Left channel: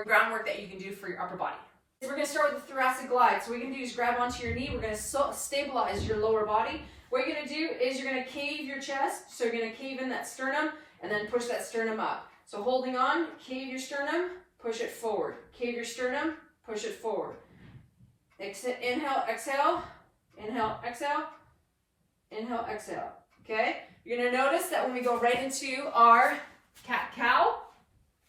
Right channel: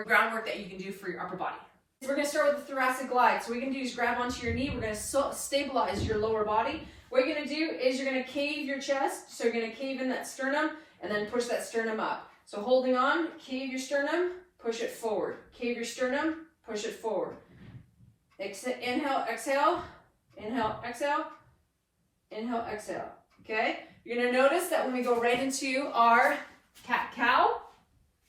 more groundwork that you can do for your upper body. We're going to start with the thoracic glide. So what you're going to do is grab onto your knee. We're going to stabilize your lower body. What you're going to do is you're going to cave your chest. So you're going to cave in that sternum and then push that sternum up. So holding on, cave your sternum, push it forward. Cave your sternum, push it forward. Inhale, exhale, inhale, exhale, inhale, exhale. Okay? You're going to notice that when we go right into our cat-cow,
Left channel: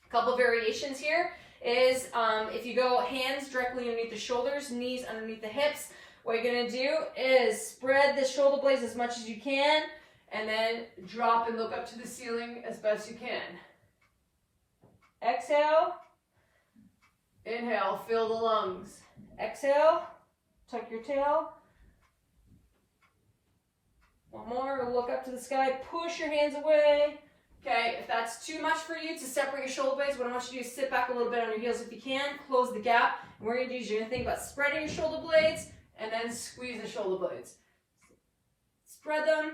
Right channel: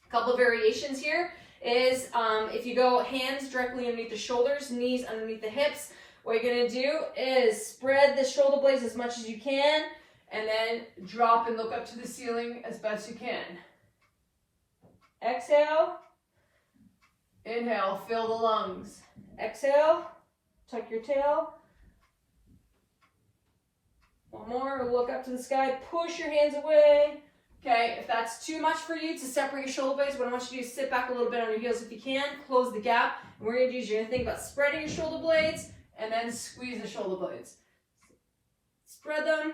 a couple variations here is if you go hands directly underneath the shoulders, knees underneath the hips, what you're going to do is spread the shoulder blades as much as you can and then drop and look up to the ceiling as best you can. Exhale, inhale, fill the lungs. Exhale, tuck your tail. One more, look up to the sky, push your hands away. Okay, if that's too much for you to separate your shoulder blades, what I want you to do is sit back a little bit on your heels if you can, close the gap. And what we're gonna do is you're gonna think about spreading your shoulder blades and then squeeze the shoulder blades. Spread them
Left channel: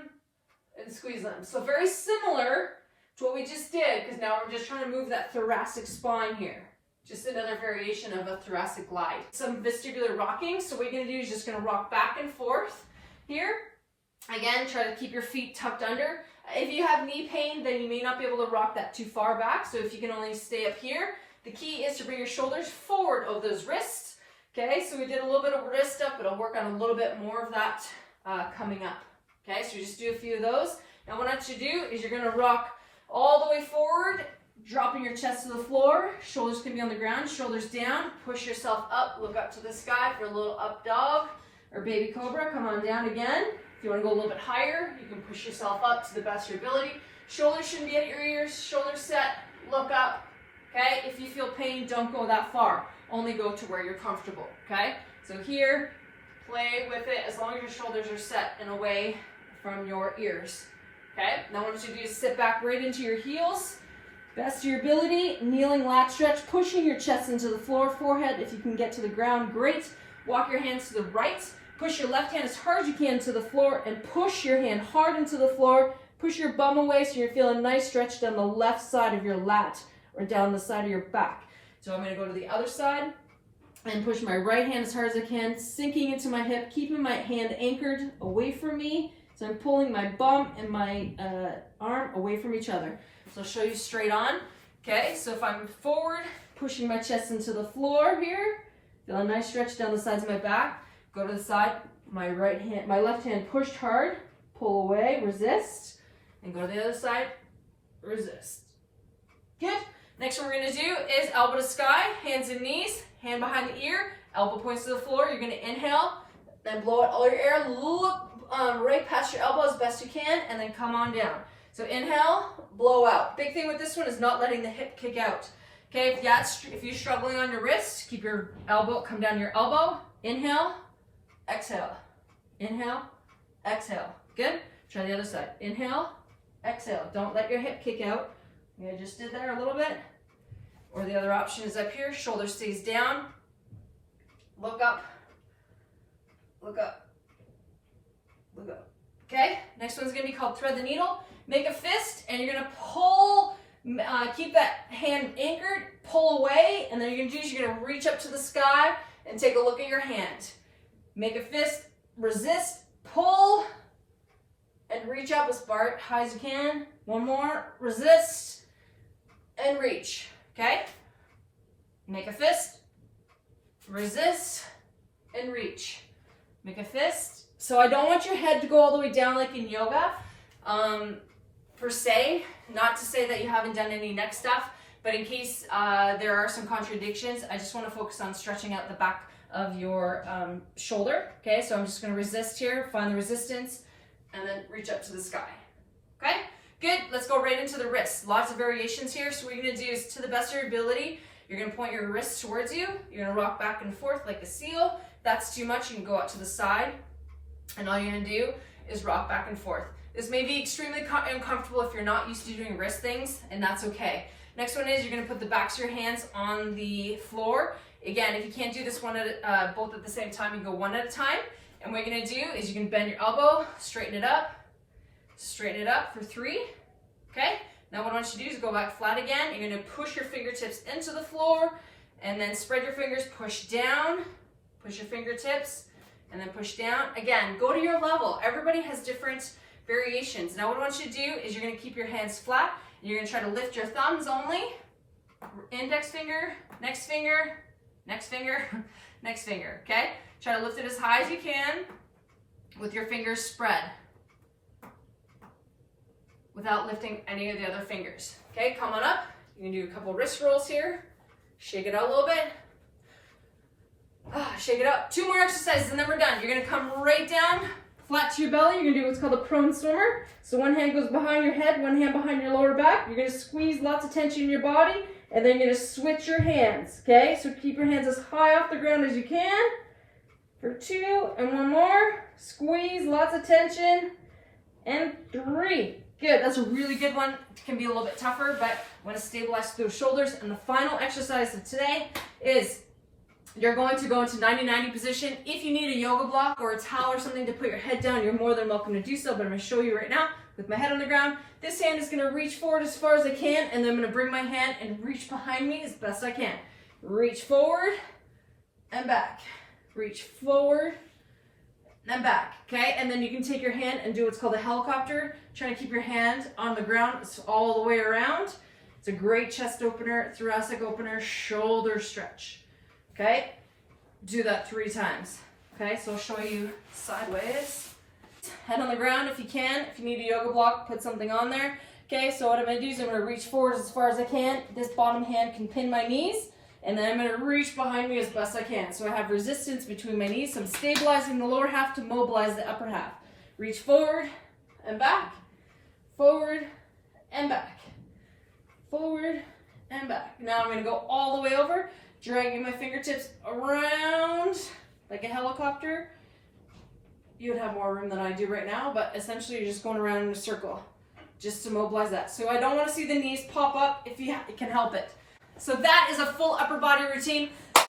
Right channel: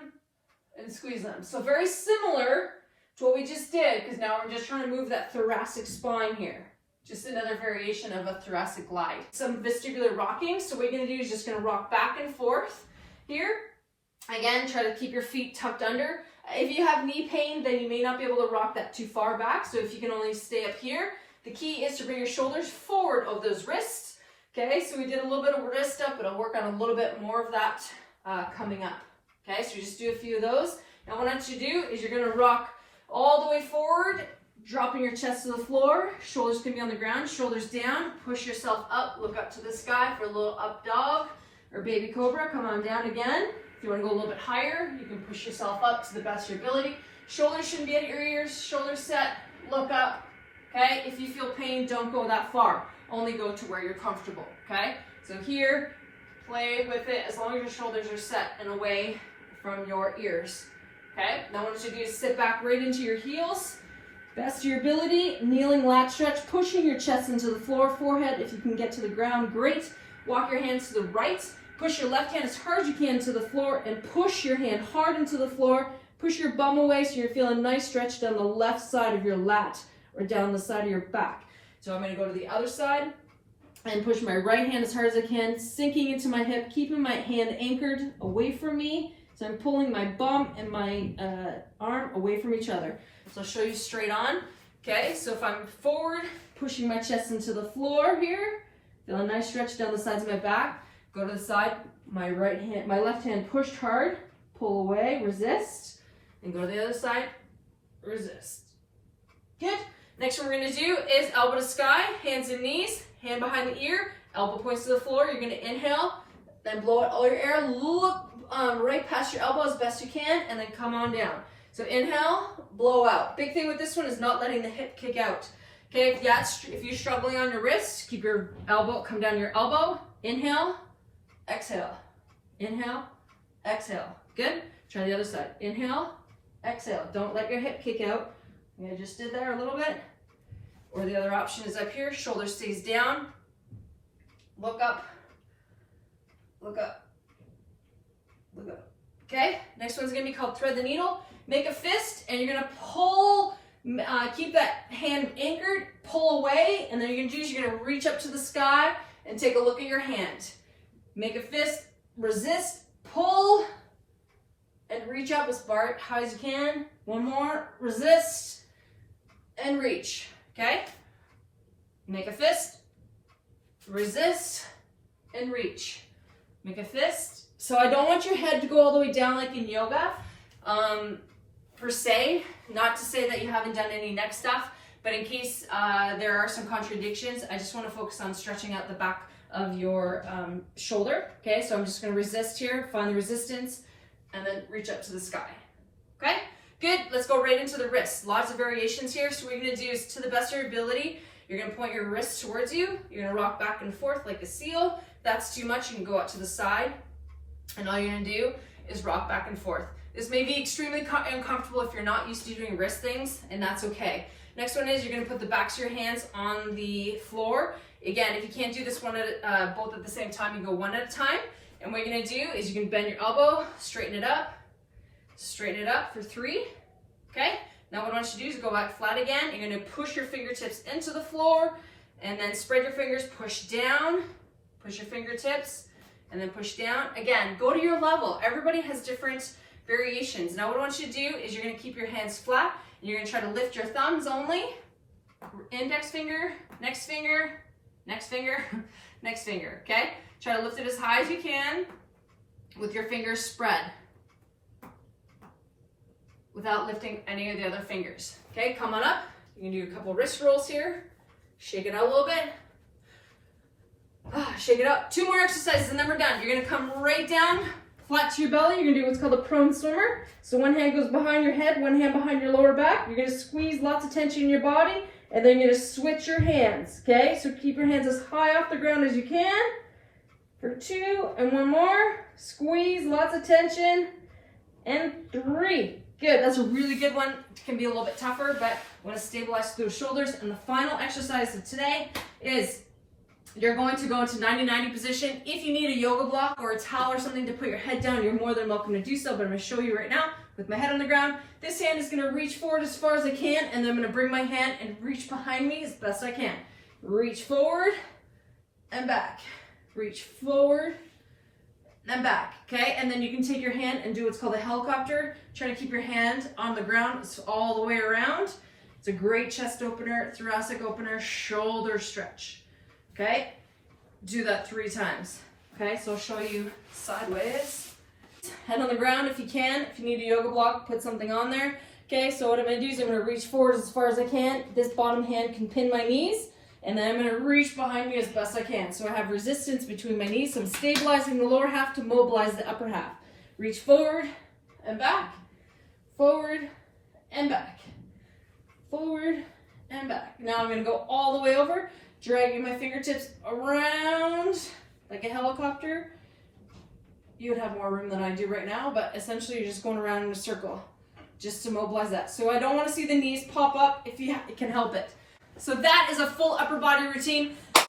and squeeze them. So very similar to what we just did, because now we're just trying to move that thoracic spine here. Just another variation of a thoracic glide. Some vestibular rocking. So what you're gonna do is just gonna rock back and forth here. Again, try to keep your feet tucked under. If you have knee pain, then you may not be able to rock that too far back. So if you can only stay up here, the key is to bring your shoulders forward of those wrists. Okay, so we did a little bit of wrist stuff, but I'll work on a little bit more of that coming up. Okay, so we just do a few of those. Now what I want you to do is you're gonna rock all the way forward, dropping your chest to the floor. Shoulders can be on the ground, shoulders down. Push yourself up, look up to the sky for a little up dog or baby cobra. Come on down again. If you want to go a little bit higher, you can push yourself up to the best of your ability. Shoulders shouldn't be at your ears. Shoulders set, look up. Okay, if you feel pain, don't go that far. Only go to where you're comfortable. Okay, so here, play with it as long as your shoulders are set and away from your ears. Okay, now what you do is sit back right into your heels. Best of your ability, kneeling lat stretch, pushing your chest into the floor, forehead. If you can get to the ground, great. Walk your hands to the right. Push your left hand as hard as you can to the floor and push your hand hard into the floor. Push your bum away so you're feeling nice stretch down the left side of your lat or down the side of your back. So I'm going to go to the other side and push my right hand as hard as I can, sinking into my hip, keeping my hand anchored away from me. So I'm pulling my bum and my arm away from each other. So I'll show you straight on. Okay, so if I'm forward, pushing my chest into the floor here, feel a nice stretch down the sides of my back. Go to the side, my left hand pushed hard, pull away, resist, and go to the other side, resist. Good. Next one we're going to do is elbow to sky, hands and knees, hand behind the ear, elbow points to the floor. You're going to inhale, then blow out all your air, look right past your elbow as best you can, and then come on down. So inhale, blow out. Big thing with this one is not letting the hip kick out. Okay, if you're struggling on your wrist, keep your elbow, come down your elbow, inhale, exhale, inhale, exhale. Good. Try the other side. Inhale, exhale. Don't let your hip kick out. I just did there a little bit. Or the other option is up here. Shoulder stays down. Look up. Look up. Look up. Okay. Next one's going to be called thread the needle. Make a fist and you're going to pull, keep that hand anchored, pull away, and then you're going to do is you're going to reach up to the sky and take a look at your hand. Make a fist, resist, pull, and reach up as far high as you can. One more, resist, and reach, okay? Make a fist, resist, and reach. Make a fist. So I don't want your head to go all the way down like in yoga, per se. Not to say that you haven't done any neck stuff, but in case there are some contradictions, I just want to focus on stretching out the back of your shoulder. Okay, so I'm just going to resist here, find the resistance, and then reach up to the sky. Okay, good. Let's go right into the wrists. Lots of variations here. So what you're going to do is, to the best of your ability, you're going to point your wrists towards you. You're going to rock back and forth like a seal. If that's too much, you can go out to the side, and all you're going to do is rock back and forth. This may be extremely uncomfortable if you're not used to doing wrist things, and that's okay. Next one is you're going to put the backs of your hands on the floor. Again, if you can't do this both at the same time, you go one at a time. And what you're going to do is you can bend your elbow, straighten it up for 3. Okay? Now what I want you to do is go back flat again. You're going to push your fingertips into the floor, And then spread your fingers, push down, push your fingertips, and then push down. Again, go to your level. Everybody has different variations. Now what I want you to do is you're gonna keep your hands flat, and you're gonna try to lift your thumbs only. Index finger, next finger, next finger, next finger, okay? Try to lift it as high as you can with your fingers spread without lifting any of the other fingers. Okay, come on up. You can do a couple wrist rolls here. Shake it out a little bit. Shake it out. 2 more exercises and then we're done. You're gonna come right down, flat to your belly. You're gonna do what's called a prone swimmer. So one hand goes behind your head, one hand behind your lower back. You're gonna squeeze lots of tension in your body, and then you're gonna switch your hands, okay? So keep your hands as high off the ground as you can. For 2, and 1 more. Squeeze, lots of tension, and 3. Good, that's a really good one. It can be a little bit tougher, but I want to stabilize through the shoulders. And the final exercise of today is you're going to go into 90-90 position. If you need a yoga block or a towel or something to put your head down, you're more than welcome to do so, but I'm going to show you right now with my head on the ground. This hand is going to reach forward as far as I can, and then I'm going to bring my hand and reach behind me as best I can. Reach forward and back. Reach forward and back, okay? And then you can take your hand and do what's called a helicopter, trying to keep your hand on the ground all the way around. It's a great chest opener, thoracic opener, shoulder stretch, okay? Do that 3 times, okay? So I'll show you sideways. Head on the ground if you can. If you need a yoga block, put something on there, okay? So what I'm gonna do is I'm gonna reach forward as far as I can. This bottom hand can pin my knees. And then I'm going to reach behind me as best I can. So I have resistance between my knees. So I'm stabilizing the lower half to mobilize the upper half. Reach forward and back. Forward and back. Forward and back. Now I'm going to go all the way over, dragging my fingertips around like a helicopter. You would have more room than I do right now, but essentially you're just going around in a circle just to mobilize that. So I don't want to see the knees pop up if you can help it. So that is a full upper body routine.